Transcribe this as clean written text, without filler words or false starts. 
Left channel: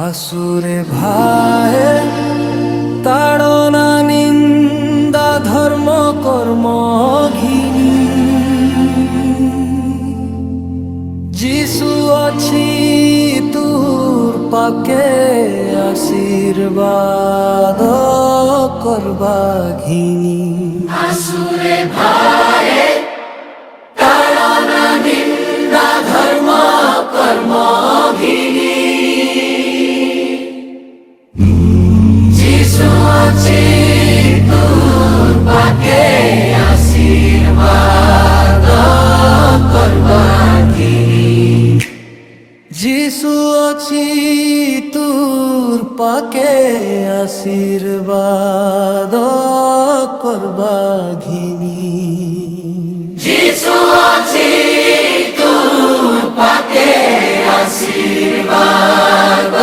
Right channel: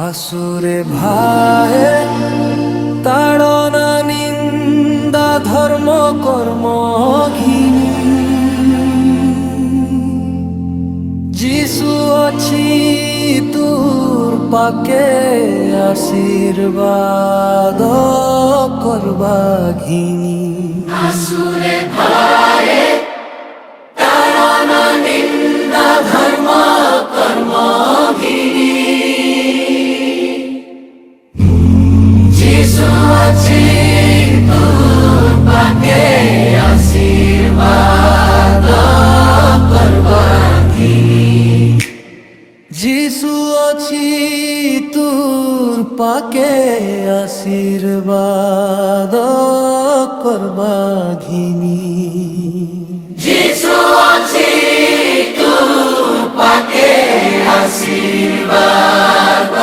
আসুরে ভাই তাড়না নিন্দা ধর্ম কর্ম ঘিনি যিশু অছি তুর পাকে আশীর্বাদ করবা ঘিনি আসুরে ভাই তাড়না নিন্দা ধর্ম কর্ম ঘিনি যিশু আছে তোর পাকে আশীর্বাদ করবা ঘিনি যিশু অছি তুর পাকে আশীর্বাদ করবা ঘিনি যিশু আছে তোর পাকে আশীর্বাদ